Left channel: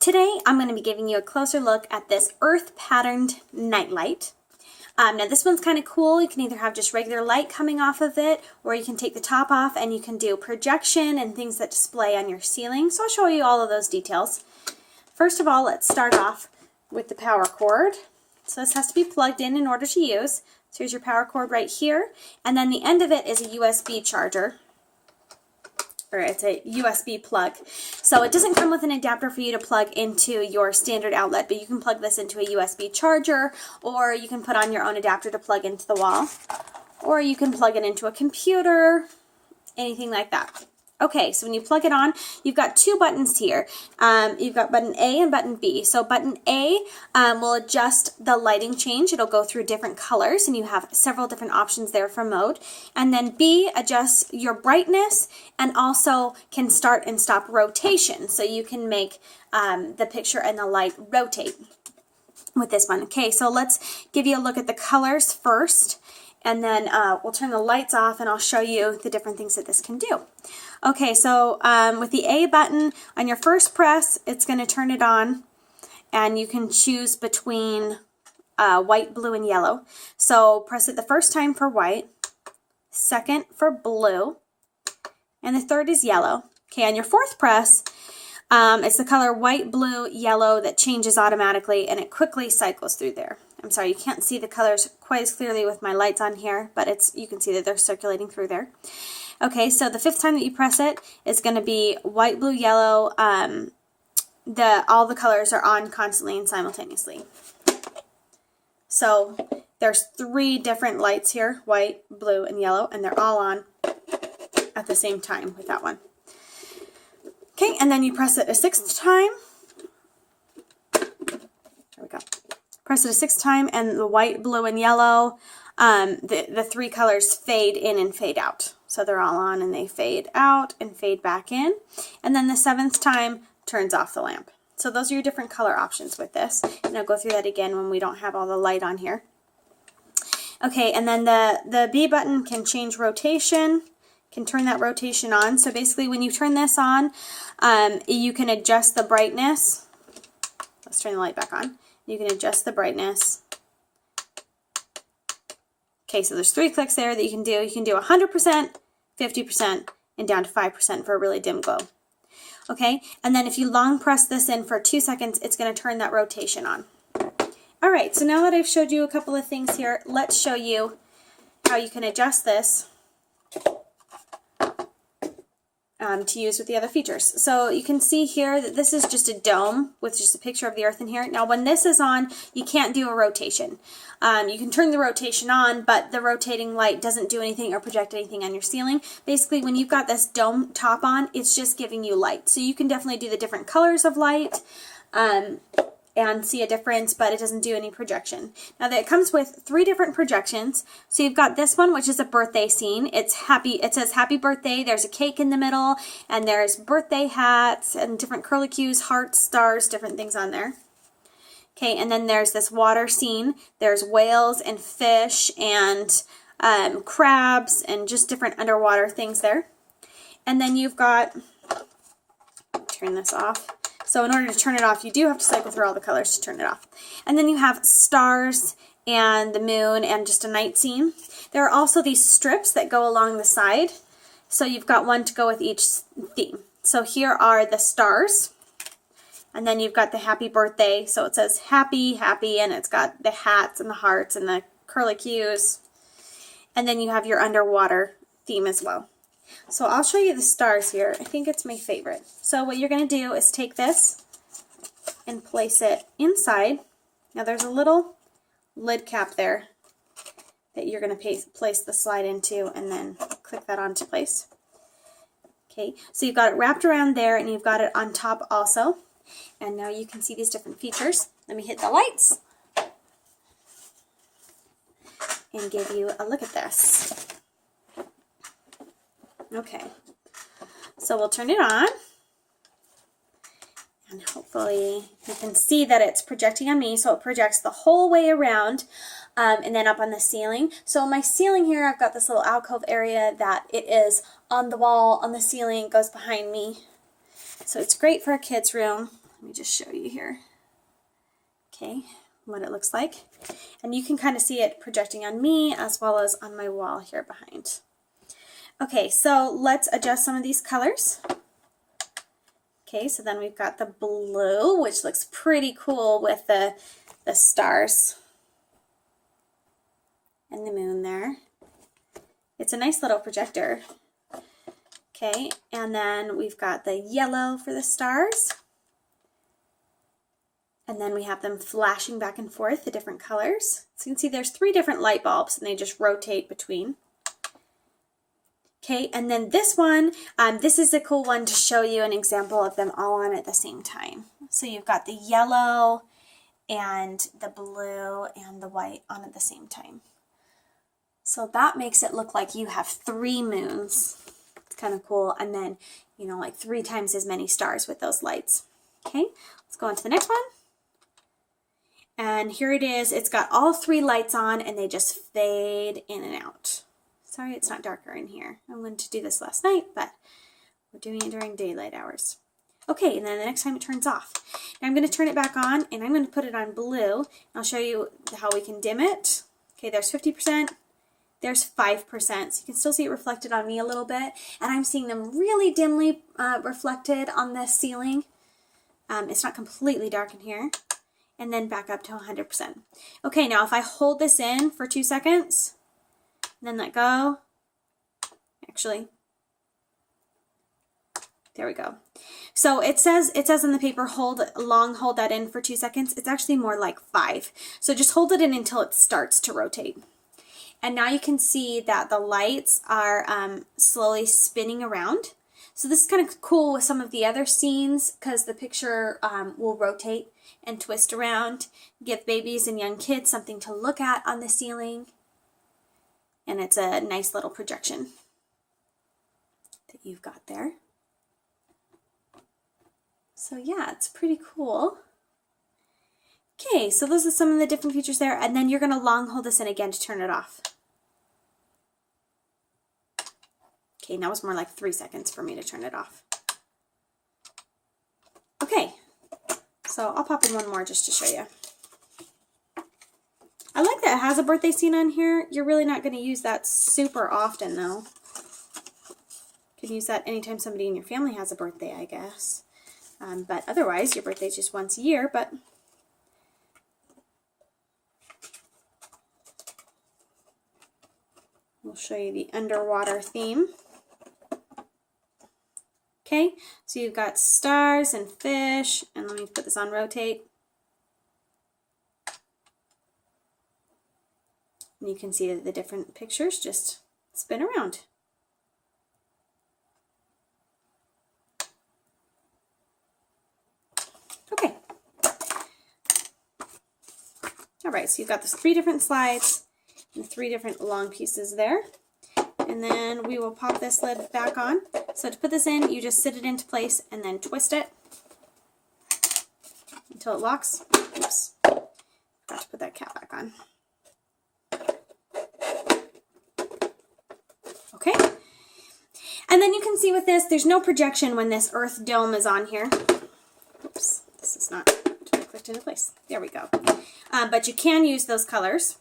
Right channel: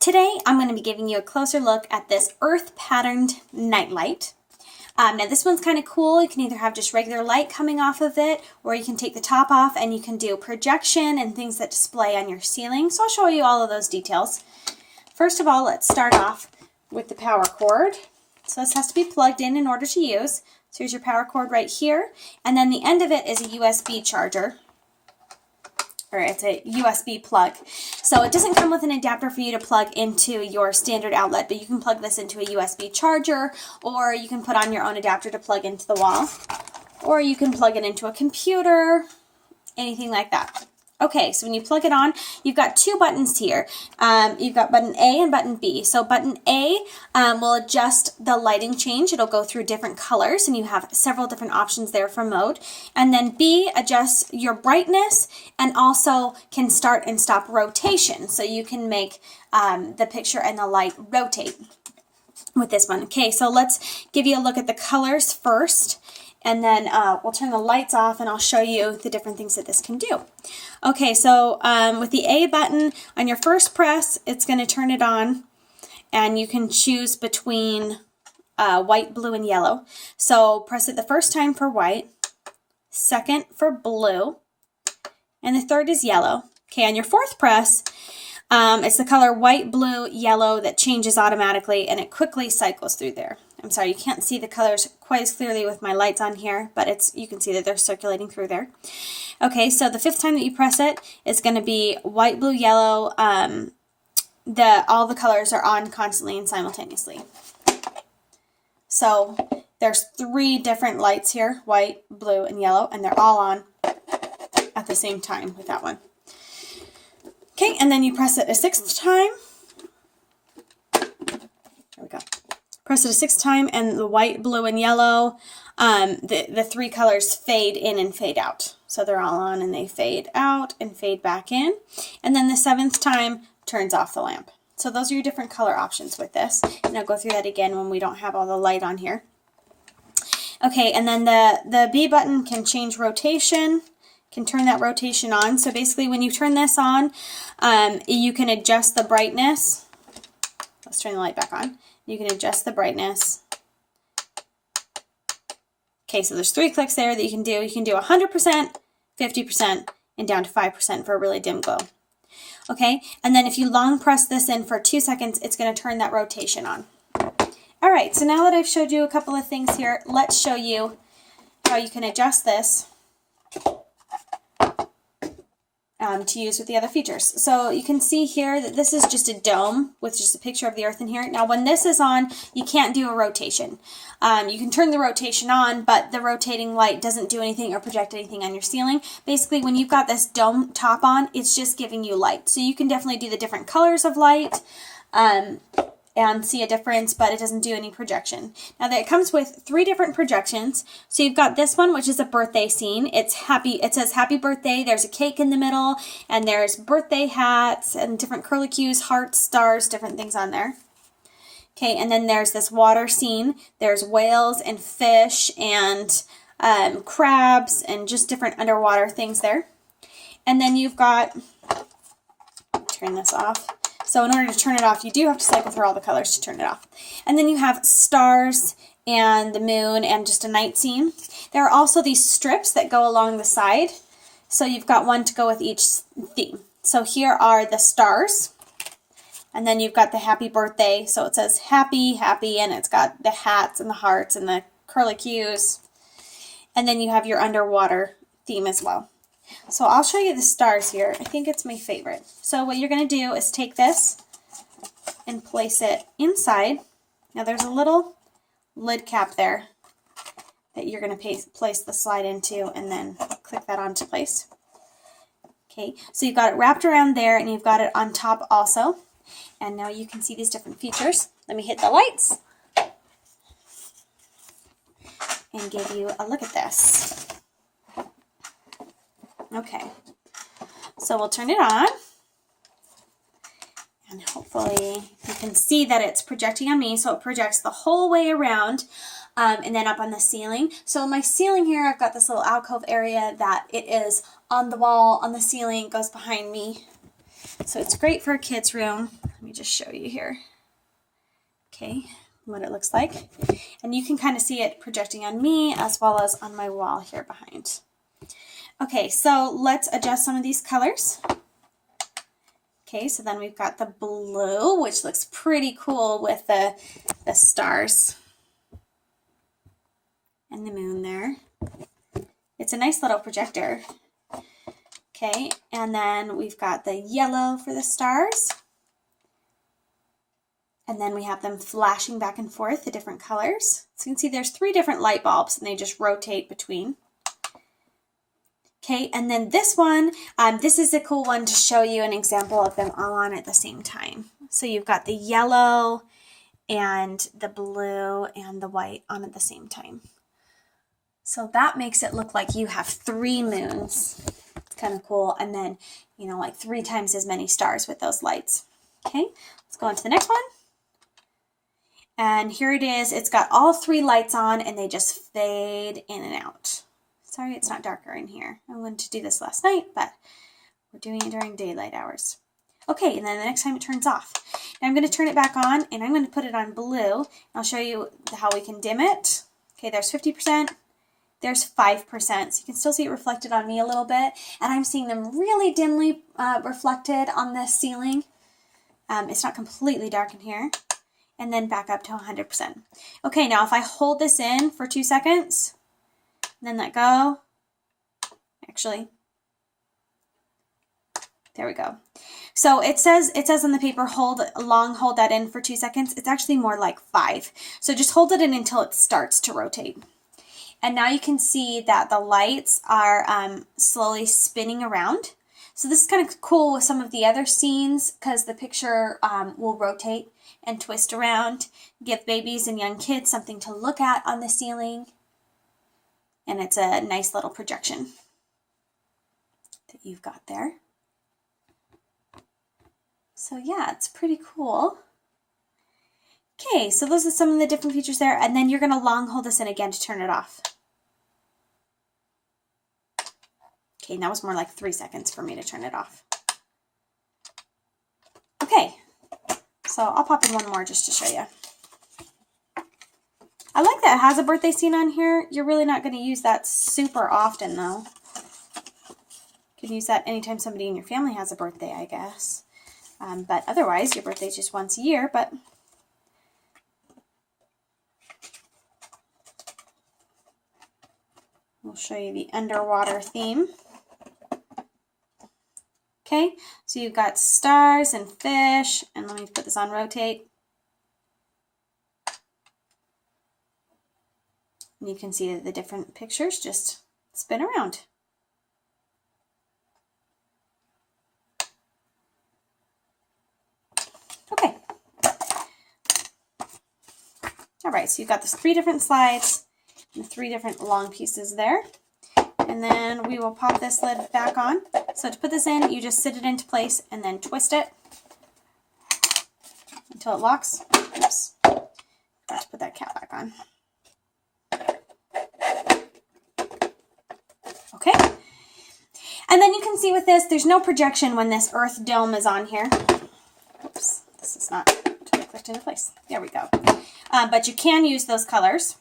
Today, I'm going to be giving you a closer look at this earth patterned nightlight. Now this one's kind of cool. You can either have just regular light coming off of it, or you can take the top off and you can do projection and things that display on your ceiling. So I'll show you all of those details. First of all, let's start off with the power cord. So this has to be plugged in order to use. So here's your power cord right here. And then the end of it is a USB charger. Or it's a USB plug. So it doesn't come with an adapter for you to plug into your standard outlet, but you can plug this into a USB charger, or you can put on your own adapter to plug into the wall, or you can plug it into a computer, anything like that. Okay, so when you plug it on, you've got two buttons here. You've got button A and button B. So button A will adjust the lighting change. It'll go through different colors, and you have several different options there for mode. And then B adjusts your brightness and also can start and stop rotation. So you can make the picture and the light rotate with this one. Okay, so let's give you a look at the colors first. And then we'll turn the lights off and I'll show you the different things that this can do. Okay, so with the A button, on your first press, it's going to turn it on. And you can choose between white, blue, and yellow. So press it the first time for white, second for blue, and the third is yellow. Okay, on your fourth press, it's the color white, blue, yellow that changes automatically, and it quickly cycles through there. I'm sorry, you can't see the colors quite as clearly with my lights on here, but you can see that they're circulating through there. Okay, so the fifth time that you press it, it's going to be white, blue, yellow. All the colors are on constantly and simultaneously. So there's three different lights here, white, blue, and yellow, and they're all on at the same time with that one. Okay, and then you press it a sixth time. There we go. Press it a sixth time, and the white, blue, and yellow, the three colors fade in and fade out. So they're all on, and they fade out and fade back in. And then the seventh time turns off the lamp. So those are your different color options with this. And I'll go through that again when we don't have all the light on here. Okay, and then the B button can change rotation, can turn that rotation on. So basically when you turn this on, you can adjust the brightness. Let's turn the light back on. You can adjust the brightness. Okay, so there's three clicks there that you can do. You can do 100%, 50%, and down to 5% for a really dim glow. Okay, and then if you long press this in for 2 seconds, it's going to turn that rotation on. All right, so now that I've showed you a couple of things here, let's show you how you can adjust this to use with the other features. So you can see here that this is just a dome with just a picture of the earth in here. Now when this is on, you can't do a rotation. You can turn the rotation on, but the rotating light doesn't do anything or project anything on your ceiling. Basically, when you've got this dome top on, it's just giving you light. So you can definitely do the different colors of light and see a difference, but it doesn't do any projection. Now that it comes with three different projections. So you've got this one, which is a birthday scene. It says happy birthday. There's a cake in the middle, and there's birthday hats and different curlicues, hearts, stars, different things on there. Okay, and then there's this water scene. There's whales and fish and crabs and just different underwater things there. And then you've got, turn this off. So in order to turn it off, you do have to cycle through all the colors to turn it off. And then you have stars and the moon and just a night scene. There are also these strips that go along the side. So you've got one to go with each theme. So here are the stars. And then you've got the happy birthday. So it says happy, happy, and it's got the hats and the hearts and the curlicues. And then you have your underwater theme as well. So I'll show you the stars here. I think it's my favorite. So what you're going to do is take this and place it inside. Now there's a little lid cap there that you're going to place the slide into, and then click that onto place. Okay, so you've got it wrapped around there, and you've got it on top also. And now you can see these different features. Let me hit the lights and give you a look at this. Okay, so we'll turn it on, and hopefully you can see that it's projecting on me, so it projects the whole way around, and then up on the ceiling. So on my ceiling here, I've got this little alcove area that it is on the wall, on the ceiling, it goes behind me. So it's great for a kid's room. Let me just show you here. Okay, what it looks like. And you can kind of see it projecting on me as well as on my wall here behind. Okay, so let's adjust some of these colors. Okay, so then we've got the blue, which looks pretty cool with the stars and the moon there. It's a nice little projector. Okay, and then we've got the yellow for the stars. And then we have them flashing back and forth, the different colors. So you can see there's 3 different light bulbs and they just rotate between. Okay, and then this one, this is a cool one to show you an example of them all on at the same time. So you've got the yellow and the blue and the white on at the same time. So that makes it look like you have 3 moons. It's kind of cool. And then, you know, like 3 times as many stars with those lights. Okay, let's go on to the next one. And here it is. It's got all 3 lights on and they just fade in and out. Sorry, it's not darker in here. I wanted to do this last night, but we're doing it during daylight hours. Okay, and then the next time it turns off. Now I'm going to turn it back on and I'm going to put it on blue. I'll show you how we can dim it. Okay, there's 50%. There's 5%. So you can still see it reflected on me a little bit. And I'm seeing them really dimly reflected on the ceiling. It's not completely dark in here. And then back up to 100%. Okay, now if I hold this in for 2 seconds, and then let go, actually, there we go. So it says on the paper, hold that in for 2 seconds. It's actually more like 5. So just hold it in until it starts to rotate. And now you can see that the lights are slowly spinning around. So this is kind of cool with some of the other scenes because the picture will rotate and twist around, give babies and young kids something to look at on the ceiling. And it's a nice little projection that you've got there. So yeah, it's pretty cool. Okay, so those are some of the different features there. And then you're going to long hold this in again to turn it off. Okay, that was more like 3 seconds for me to turn it off. Okay, so I'll pop in one more just to show you. I like that it has a birthday scene on here. You're really not going to use that super often though. You could use that anytime somebody in your family has a birthday, I guess. But otherwise, your birthday's just once a year, but we'll show you the underwater theme. Okay, so you've got stars and fish, and let me put this on rotate. And you can see that the different pictures just spin around. Okay. All right, so you've got the 3 different slides and 3 different long pieces there. And then we will pop this lid back on. So to put this in, you just sit it into place and then twist it until it locks. Oops. Got to put that cap back on. Okay. And then you can see with this, there's no projection when this earth dome is on here. Oops, this is not totally clicked into place. There we go. But you can use those colors.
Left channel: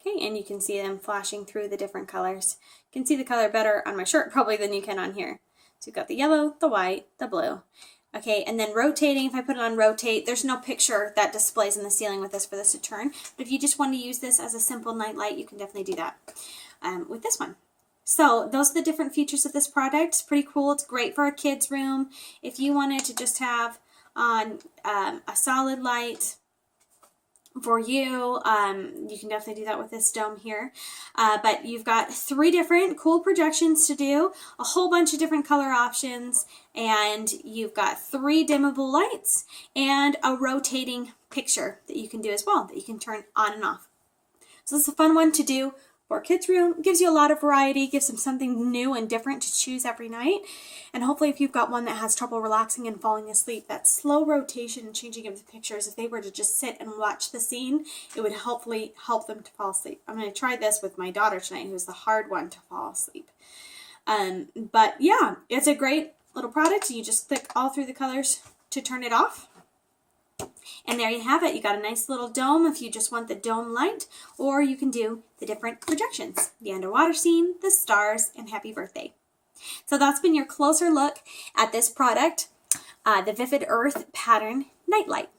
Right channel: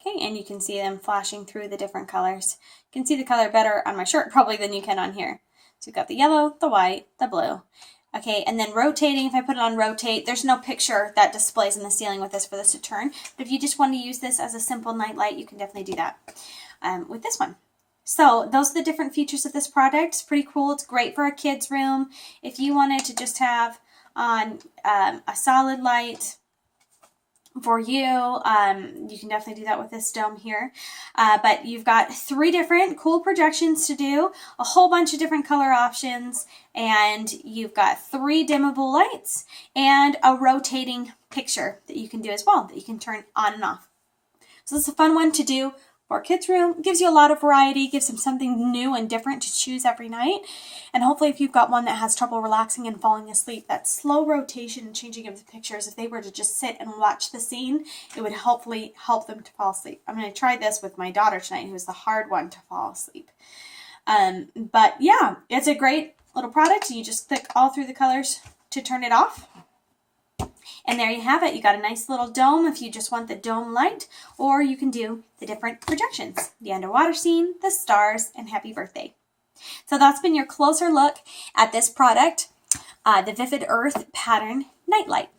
Okay, and you can see them flashing through the different colors. You can see the color better on my shirt probably than you can on here. So you've got the yellow, the white, the blue. Okay, and then rotating, if I put it on rotate, there's no picture that displays in the ceiling with this for this to turn. But if you just want to use this as a simple night light, you can definitely do that with this one. So those are the different features of this product. It's pretty cool. It's great for a kid's room. If you wanted to just have on a solid light for you, you can definitely do that with this dome here. But you've got 3 different cool projections to do, a whole bunch of different color options, and you've got 3 dimmable lights and a rotating picture that you can do as well, that you can turn on and off. So this is a fun one to do for a kid's room. It gives you a lot of variety, gives them something new and different to choose every night. And hopefully if you've got one that has trouble relaxing and falling asleep, that slow rotation and changing of the pictures, if they were to just sit and watch the scene, it would hopefully help them to fall asleep. I'm going to try this with my daughter tonight, who's the hard one to fall asleep. But yeah, it's a great little product. You just click all through the colors to turn it off. And there you have it. You got a nice little dome if you just want the dome light, or you can do the different projections, the underwater scene, the stars, and happy birthday. So that's been your closer look at this product, the Vivid Earth Pattern Nightlight.